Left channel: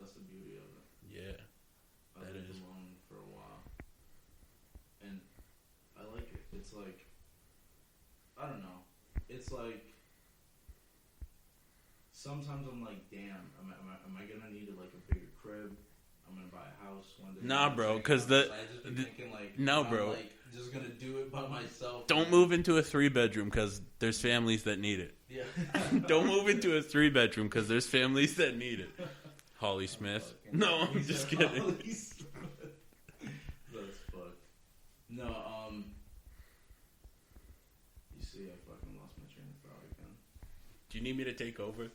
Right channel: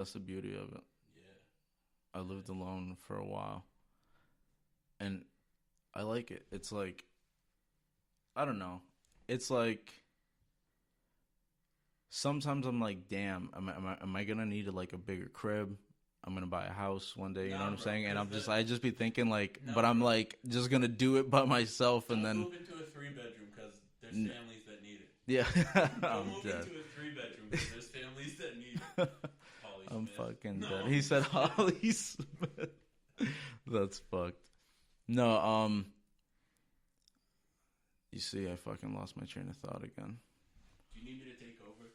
That's the beauty of it. Yeah. I lived alone for a while, and I like it. It's like, I don't know. It's like sometimes I'm like, damn, am I gonna need like a bigger crib? I'm gonna buy a house one day. Nah, bro, because I just be thinking like, no, but I'm bro. like just gonna do it by myself. Don't move into a 3-bedroom because there's families that need it. Yeah. Don't move into a 3-bedroom because there's families that need it. Holly Smith. He said Holly Smith. That's fucked. No, you see, I fucking lost my train of thought again. Do you need me to take over?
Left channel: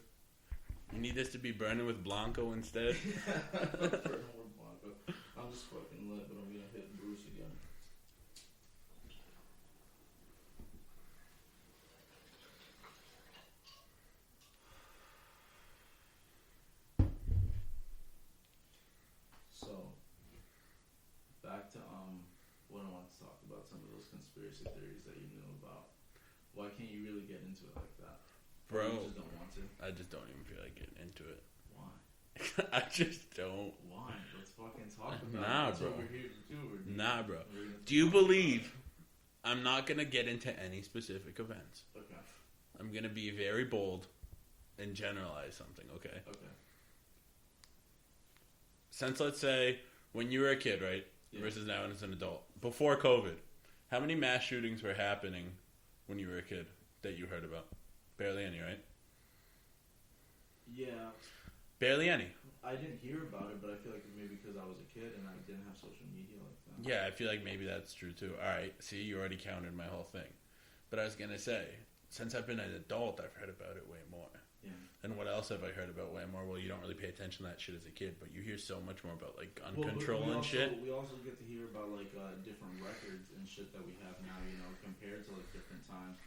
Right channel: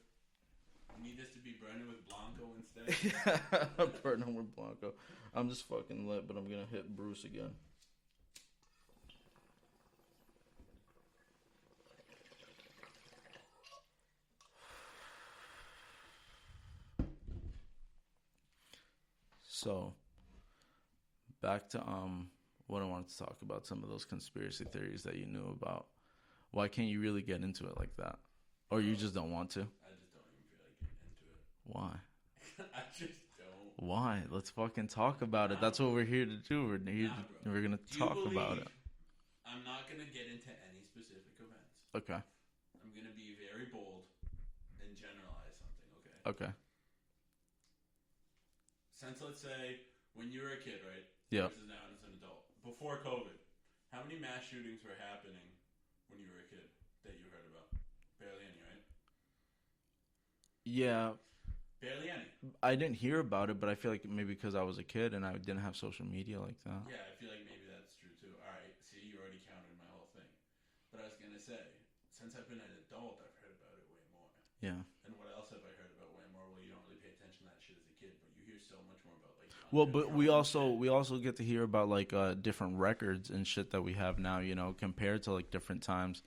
You need this to be burning with Blanco instead? I'm burning with Blanco. I'm just fucking lit, but I'm gonna hit Bruce again. So, back to what I wanted to talk about, some of those conspiracy theories that you knew about. Why can't you really get into it like that? Or you just don't want to? I just don't even feel like getting into it. Why? I just don't. Why? Let's fucking talk about it. That's bro. what we're here to do. Bro. We're gonna Do you talk believe? about it. I'm not gonna get into any specific events. Okay. I'm gonna be very bold and generalize something. Okay. Okay. Since let's say when you were a kid, right? Yeah. Versus now as an adult. Before COVID, how many mass shootings were happening when you were a kid that you heard about? Barely any, right? Yeah. Barely any. I didn't hear about it, but I feel like maybe because I was a kid and I didn't have social media like that. Yeah, I feel like maybe that's true too. All right, see, you already counted my whole thing. But I was going to say, since I've been an adult, I've heard about it way more. Yeah. And what else have I heard about way more? Well, you don't really pay attention to that shit as a kid, but you hear so much more about like gun control. But we also get to hear about like different records and shit that we have now, you know, compared to like different times.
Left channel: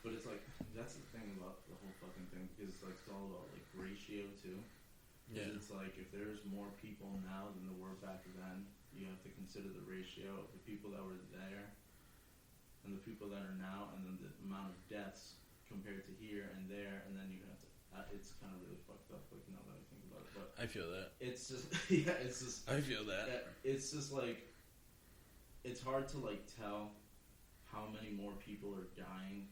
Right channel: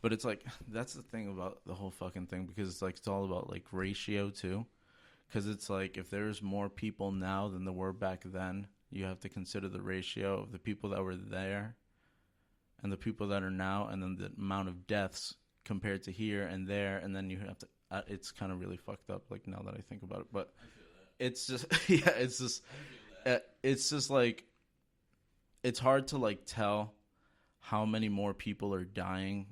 But it's like that's the thing about the whole fucking thing, because it's like it's all about like ratio too. Because it's like if there's more people now than there were back then, you have to consider the ratio of the people that were there and the people that are now, and then the amount of deaths compared to here and there, and then you have to. It's kind of really fucked up. Like now that I think about it, but I feel that it's just it's just. I feel that it's just like it's hard to like tell how many more people are dying,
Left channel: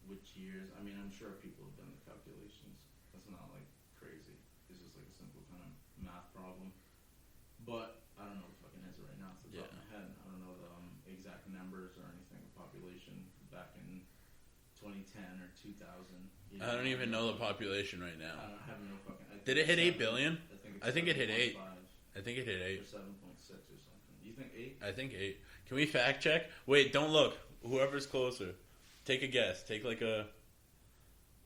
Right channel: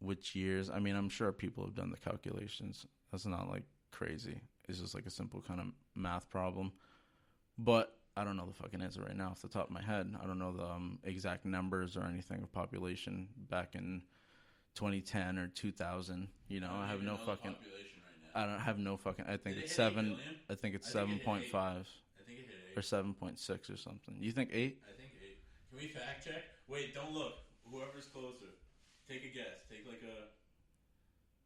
which years. I mean, I'm sure people have done the calculations. That's not like crazy. It's just like a simple kind of math problem. But I don't know the fucking answer right now off the top of my head. I don't know the exact numbers or anything of population back in 2010 or 2000. You know, I don't even know the population right now. I don't have no fucking. I think did it hit 8 billion? I think it's 7.5. I think it hit 8 or 7.6 or something. You think 8? I think 8. Can we fact check? Wait, don't look. Whoever's closer, take a guess. Take like a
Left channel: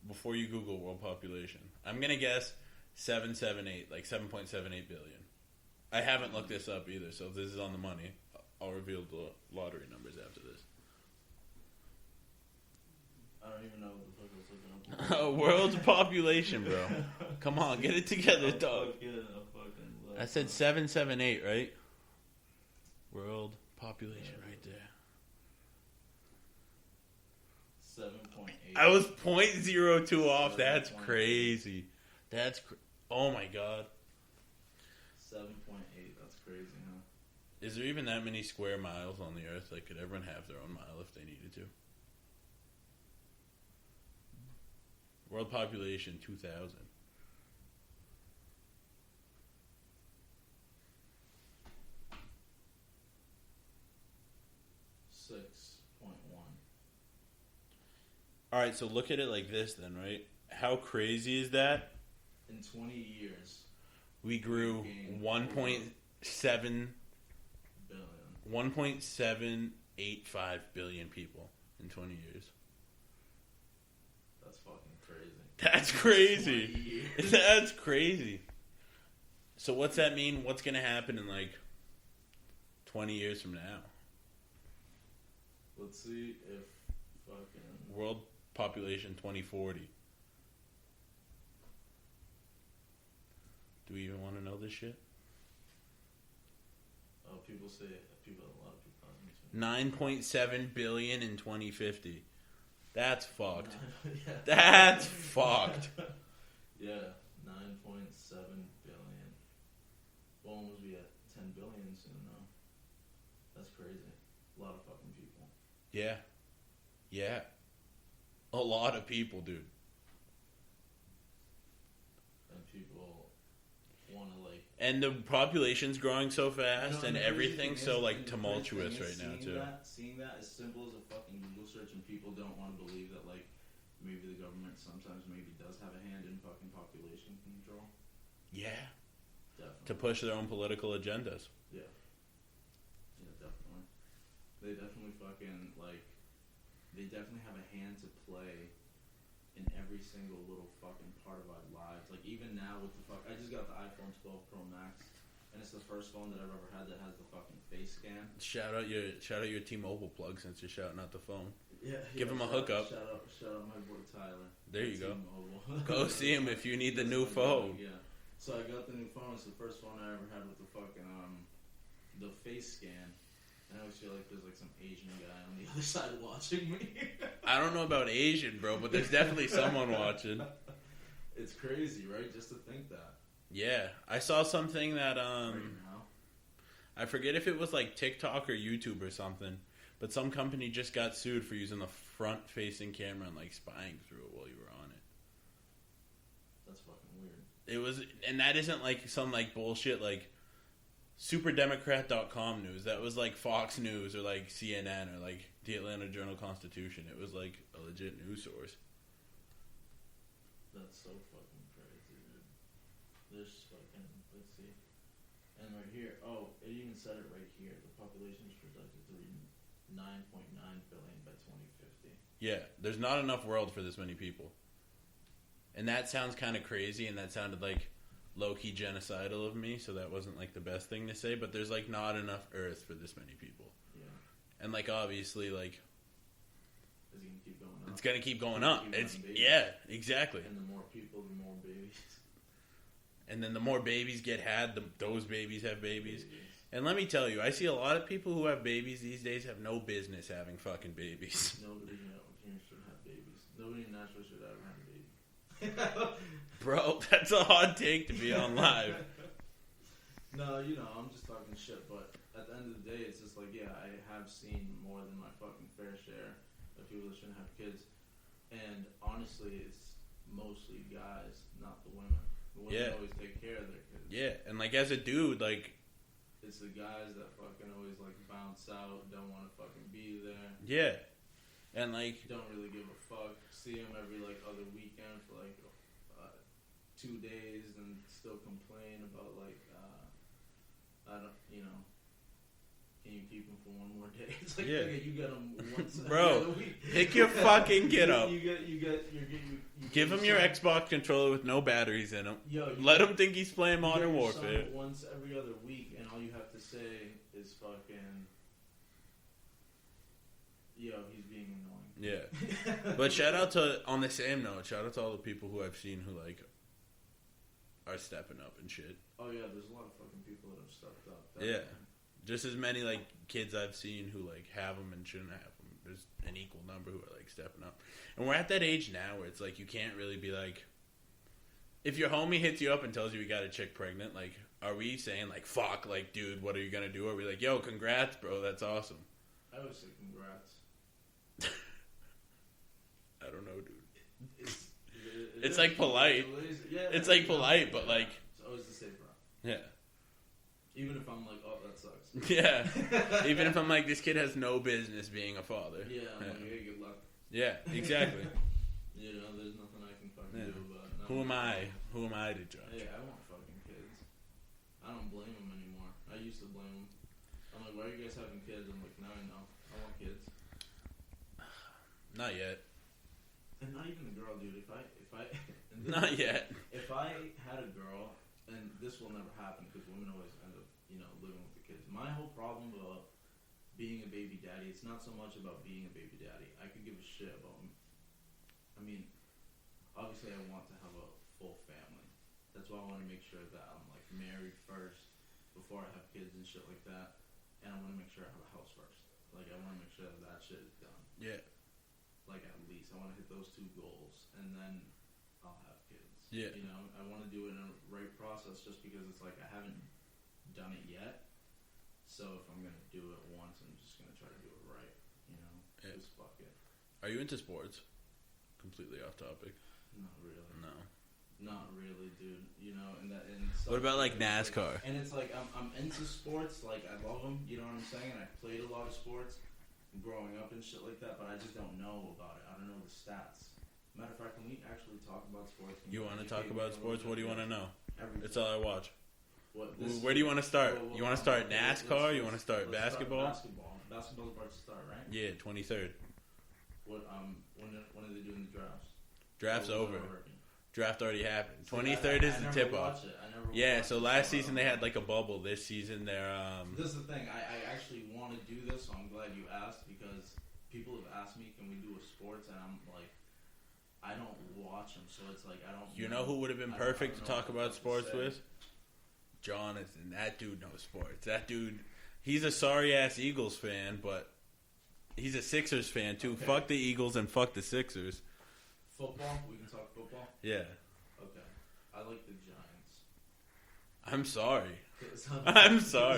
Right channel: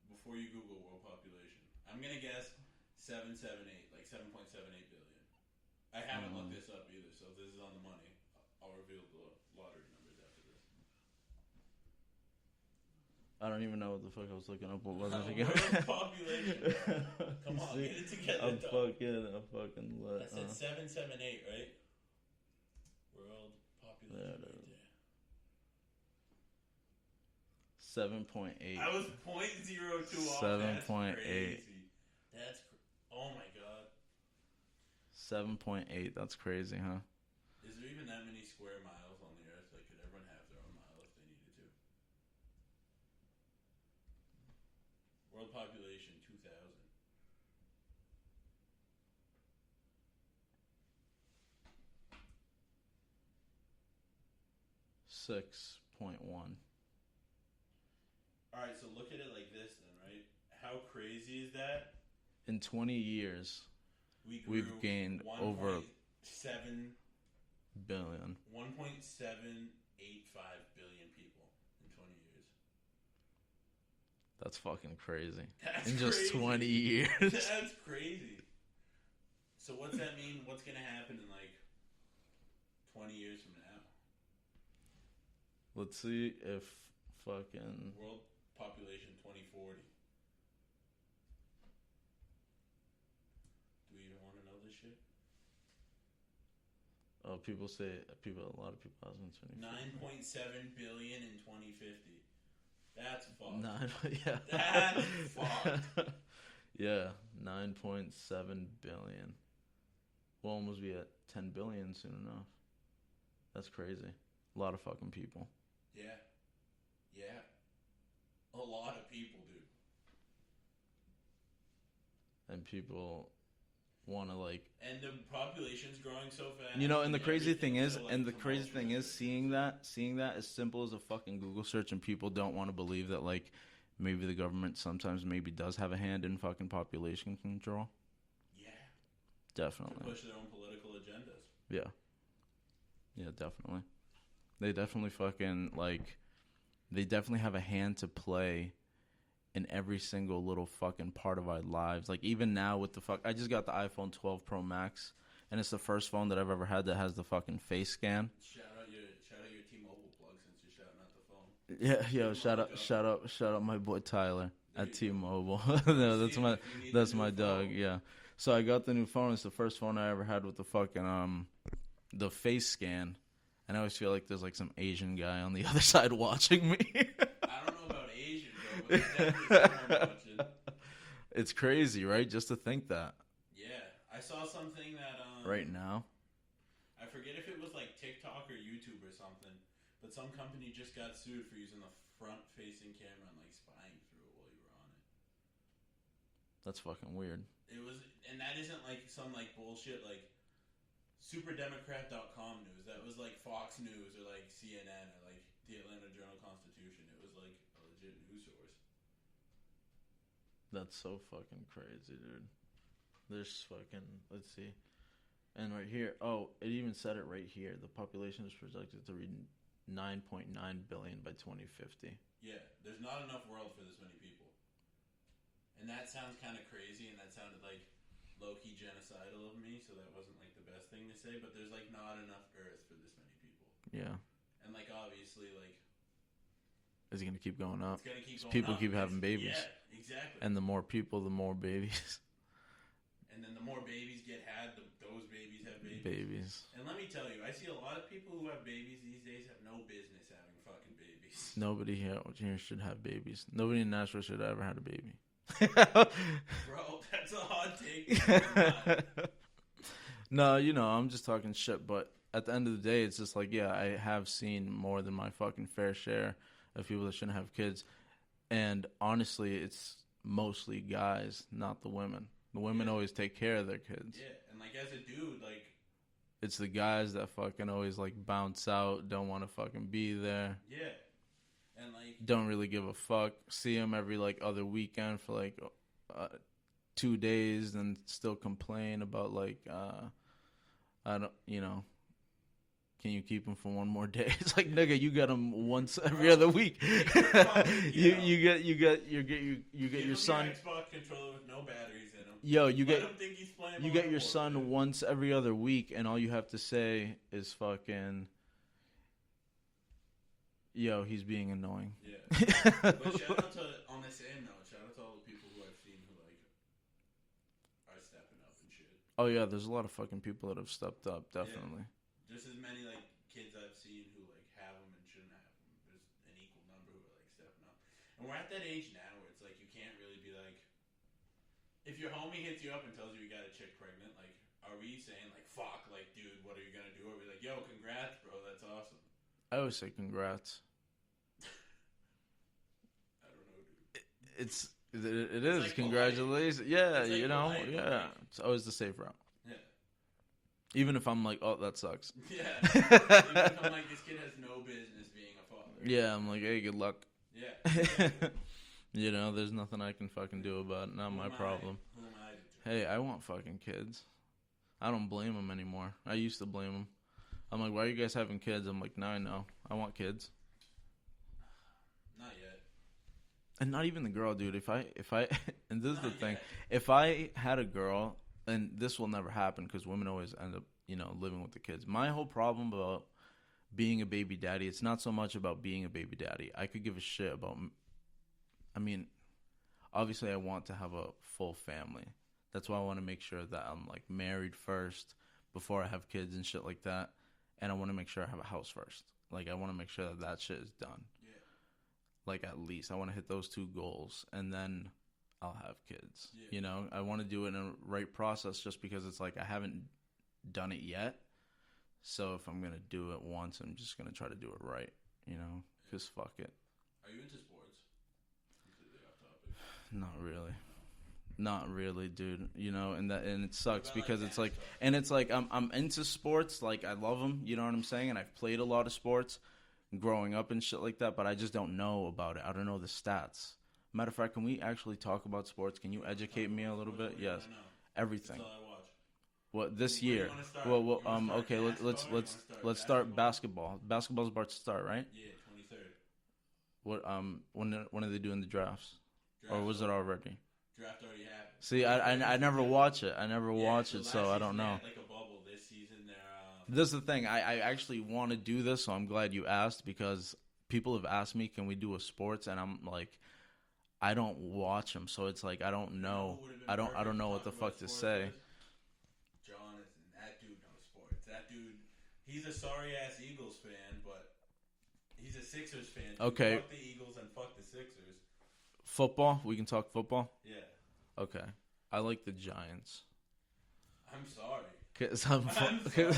before you Google world population. I'm gonna guess 778, like 7.78 billion. I haven't looked this up either, so if this is on the money, I'll reveal the lottery numbers after this. I don't even know what the fuck I was looking up. World population, bro. Come on, get it together, dog. I said 778, right? World population, right there. 7.8. I was 0.02 off. That's crazy. Oh my god. 7.8. That's crazy, huh? Is there even that many square miles on the earth? Like, could everyone have their own mile if they needed to? World population 2000. $6.1. All right, so look at it like this then, right? How crazy is that? In 20 years, we grew 1.7 billion. 1.785 billion people in 20 years. That's fucking crazy. That's crazy. 20 years. That's crazy. So what's that mean? What's going to happen in like 20 years from now? Let's see if fucking... World population 2040. Do we even want to know this shit? Oh, a lot of people. 9.7 billion in 2050. That's fucked. Yeah. That's fucked. Yeah, 9.7 billion. almost be at 10 billion soon enough. That's crazy. A lot of fucking people. Yeah. Yeah. A lot of people, dude. And people want to like... And the population's growing so fast, and the crazy thing is, so, like, and the crazy tumultuous thing is right seeing that as simple as a fucking Google search, and people don't want to believe that, like, maybe the government sometimes maybe does have a hand in fucking population control. Yeah. Definitely. To push their own political agendas. Yeah. Yeah, definitely. They definitely fucking, like, they definitely have a hand to play in every single little fucking part of our lives. Like, even now with the I just got the iPhone 12 Pro Max, and it's the first phone that I've ever had that has the fucking face scan. Shout out your T-Mobile plug since you're shouting out the phone. Yeah, shout out my boy Tyler there at T-Mobile. Go see him if you need the new phone. Dog, yeah. So I got the new phone. It's the first phone I ever had with the fucking the face scan. And I always feel like there's like some Asian guy on the other side watching me. I don't know about Asian, bro, but there's definitely someone watching. It's crazy, right? Just to think that. Yeah. I saw something that... right now? I forget if it was like TikTok or YouTube or something, but some company just got sued for using the front-facing camera and like spying through it while you were on it. That's fucking weird. It was... And that isn't like some like bullshit like... SuperDemocrat.com news. That was like Fox News or like CNN or like the Atlanta Journal-Constitution. It was like a legit news source. That's so fucking crazy, dude. There's fucking... Let's see. And right here... Oh, it even said it right here. The population is projected to reach 9.9 billion by 2050. Yeah, there's not enough world for this many people. And that sounds kind of crazy, and that sounded like low-key genocidal of me, so that wasn't like the best thing to say, but there's like not enough Earth for this many people. Yeah. And like obviously like... Is it going to keep going up? It's going to keep going people up. Keep having babies. Yeah, exactly. And the more people, the more babies. And then the more babies get had, those babies have babies. And let me tell you, I see a lot of people who have babies these days have no business having fucking babies. Nobody here should have babies. Nobody in Nashville should have ever had a baby. Bro, that's a hot take to be on live. No, I'm just talking shit, but at the end of the day, it's just like, yeah, I have seen more than my fucking fair share of people that shouldn't have kids. And honestly, it's mostly guys, not the women. The women always take care of their kids. Yeah, and like as a dude, like... It's the guys that fucking always like bounce out, don't want to fucking be there. Yeah. And like... Don't really give a fuck. See them every like other weekend for like 2 days and still complain about like, I don't, can you keep them for one more day? It's like, nigga, you get them once every other week. Take your fucking get up. You give him your Xbox controller with no batteries in him. Yo, let him think he's playing Modern Warfare. You get your son once every other week, and all you have to say is fucking, yo, he's being annoying. Yeah. But shout out to, on the same note, shout out to all the people who I've seen who like are stepping up and shit. Oh yeah, there's a lot of fucking people that have stepped up, definitely. Yeah. Just as many like kids I've seen who like have them and shouldn't have them. There's an equal number who are like stepping up, and we're at that age now where it's like you can't really be like, if your homie hits you up and tells you got a chick pregnant, like, are we saying like, fuck, like, dude, what are you gonna do? Or are we like, yo, congrats, bro, that's awesome? I always say congrats. I don't know, dude. It's like polite. Yeah, it's like polite, but like it's always the safe route. Yeah. Even if I'm like, oh, that sucks. Yeah. Even if I'm like, this kid has no business being a father. Yeah, I'm like, hey, good luck. Yeah, exactly. There's nothing I can fucking do about it. Not my problem. Who am I to judge? Hey, I want fucking kids. I don't blame them anymore. I used to blame them. I'm like, why are you guys having kids? I'm like, now I know. I want kids. Not yet. And not even the girl, dude. If I and this not is yet. If I had a girl, and this will never happen because women always end up, living with the kids. My whole problem about being a baby daddy, it's not so much about being a baby daddy. I could give a shit about. I mean, obviously, I want to have a full family. That's why I want to make sure that I'm like married first before I have kids and shit like that. And I want to make sure I have a house first. Like, I want to make sure that shit is done. Yeah. Like, at least I want to hit those two goals, and then I'll have kids. Yeah. I want to do it in a right process, just because it's like I haven't done it yet. So if I'm gonna do it once, I'm just gonna try to do it right. You know, because fuck it. Are you into sports? Completely off topic. Not really. No. Not really, dude. You know, and it sucks. What about like NASCAR? It's like, and it's like I'm into sports. Like I love them. You know what I'm saying? And I've played a lot of sports growing up and shit like that. But I just don't know about it. I don't know the stats. Matter of fact, can we actually talk about sports? Can you educate me a little bit? What do you want to know? Everything. That's all I watch. What this year? Where do you want to start? Well, you want to start NASCAR? You want to start let's basketball? Start basketball. Basketball's about to start, right? Yeah, 23rd. What when are they doing the drafts? Draft's or was over. It already? Draft already happened. See, I never watch it. I never watch it. Yeah, so last season they know. had like a bubble. This season they're This is the thing. I actually want to do this, so I'm glad you asked because people have asked me, can we do a sports? And I'm like, I don't watch them, so it's like I don't know. You know who would have been perfect I don't know to talk what the about fuck sports to say. with? Jonathan. That dude knows sports. That dude, he's a sorry ass Eagles fan, but he's a Sixers fan too. Okay. Fuck the Eagles and fuck the Sixers. Football? We can talk football? Yeah. Okay. I like the Giants. I'm sorry. I'm sorry.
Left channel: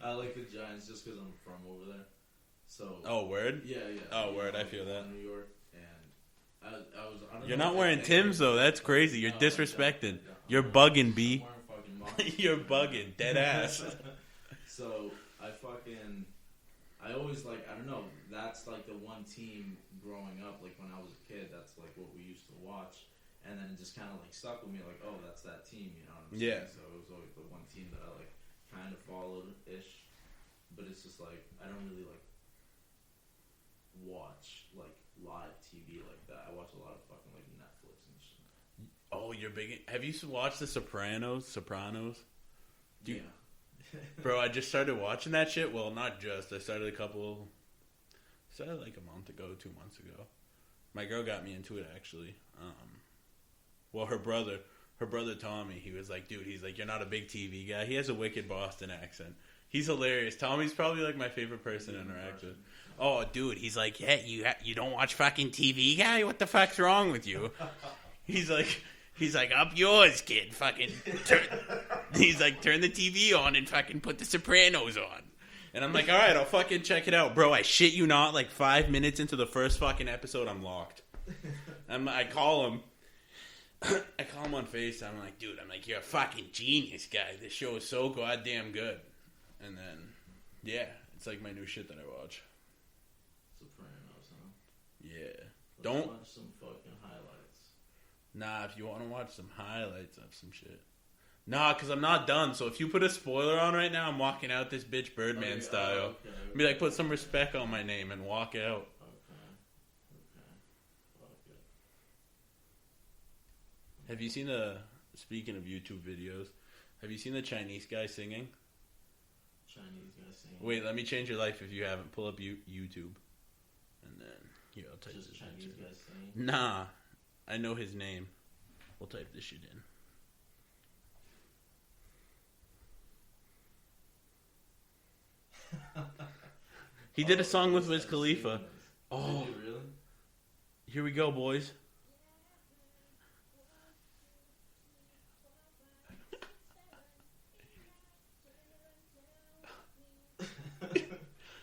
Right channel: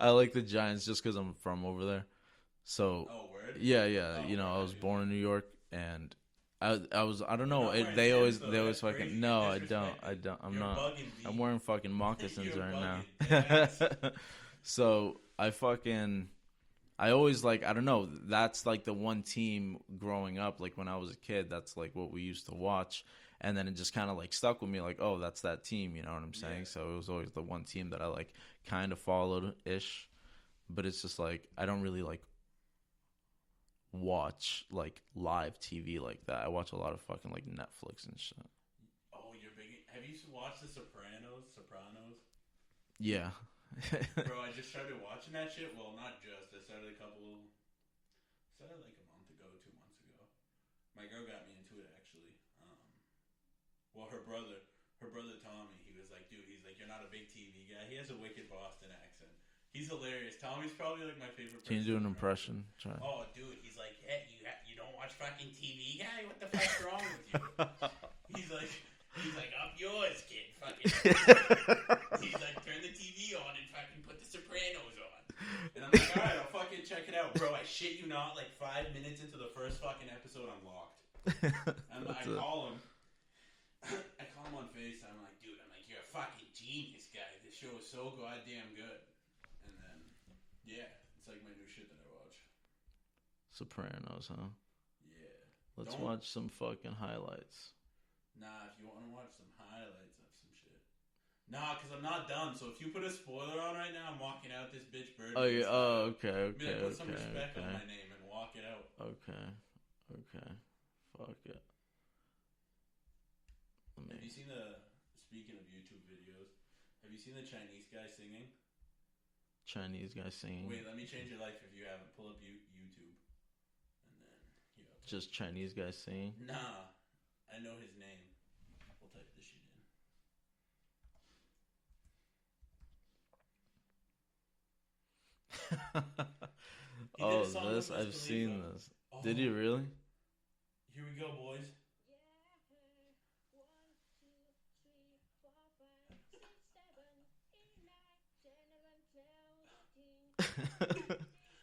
I like the Giants just because I'm from over there. So. Oh, word? Yeah. Oh, you know, word, I was born in New York, and I don't know. You're not wearing Tim's, though. That's crazy. You're disrespecting. You're bugging, B. I'm wearing fucking moccasins. You're right bugging. Now. Dead ass. So, I always like, I don't know, that's like the one team growing up, like when I was a kid, that's like what we used to watch. And then it just kind of like stuck with me, like, oh, that's that team, you know what I'm saying? Yeah. So it was always the one team that I like kind of followed-ish. But it's just like, I don't really like watch like live TV like that. I watch a lot of fucking like Netflix and shit. Oh, you're big. Have you watched The Sopranos? Yeah. Bro, I just started watching that shit. Well, not just. I started like a month ago, 2 months ago. My girl got me into it, actually. Well, her brother Tommy, he was like, dude, he's like, you're not a big TV guy. He has a wicked Boston accent. He's hilarious. Tommy's probably like my favorite person. Can you do an impression? Oh, dude, he's like, yeah, you don't watch fucking TV, guy? What the fuck's wrong with you? He's like, up yours, kid. Fucking. He's like, turn the TV on and fucking put The Sopranos on. And I'm like, all right, I'll fucking check it out, bro. I shit you not. Like 5 minutes into the first fucking episode, I'm locked. I call him. I call him on FaceTime. I'm like, dude, you're a fucking genius, guy. This show is so goddamn good. And then, yeah, it's like my new shit that I watch. Sopranos, huh? Yeah. Let's watch some fucking highlights. Nah, if you want to watch some highlights of some shit. Nah, because I'm not done. So if you put a spoiler on right now, I'm walking out this bitch Birdman style. Okay. Be like, put some respect on my name and walk out. Okay. Fuck it. Have you seen speaking of YouTube videos, have you seen the Chinese guy singing? Chinese guy singing? Wait, let me change your life if you haven't. Pull up YouTube. And then, here, I'll type just Chinese guy singing? Nah. I know his name. We'll type this shit in. He did a song with Wiz Khalifa. Oh. Did he really? Here we go, boys.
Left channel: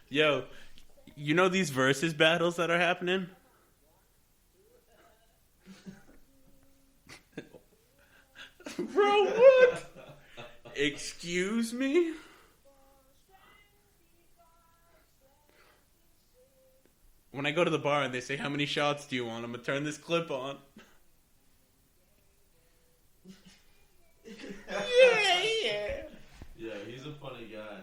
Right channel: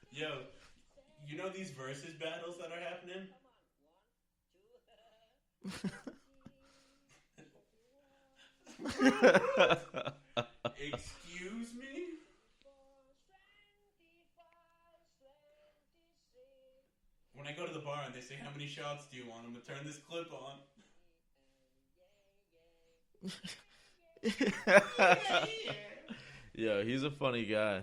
Yo, you know these versus battles that are happening? Bro, what? Excuse me? When I go to the bar and they say, how many shots do you want? I'm going to turn this clip on. Yeah, he's a funny guy.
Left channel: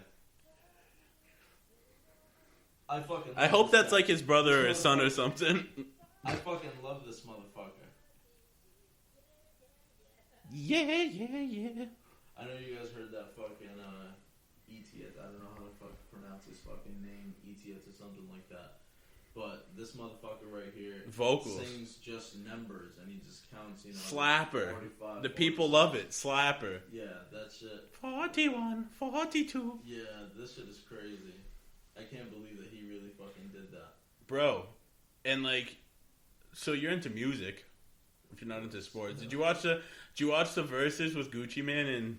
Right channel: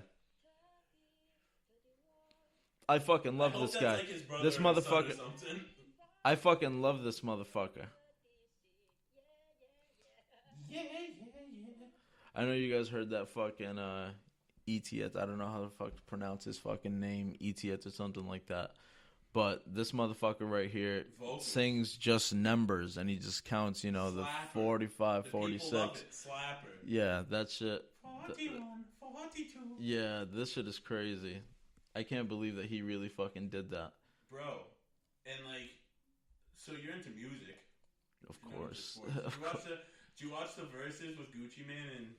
I fucking love I hope this that's guy. like his brother or son or something. I fucking love this motherfucker. Yeah. I know you guys heard that fucking Etiet. I don't know how the fuck to pronounce his fucking name. Etiet or something like that. But this motherfucker right here sings just numbers, and he just counts, you know, Slapper. 45, the 46. people love it. Slapper. Yeah, that shit. 41, 42. Yeah, this shit is crazy. I can't believe that he really fucking did that. Bro, and like, so you're into music. If you're not into sports. Did you watch the Versus with Gucci Mane and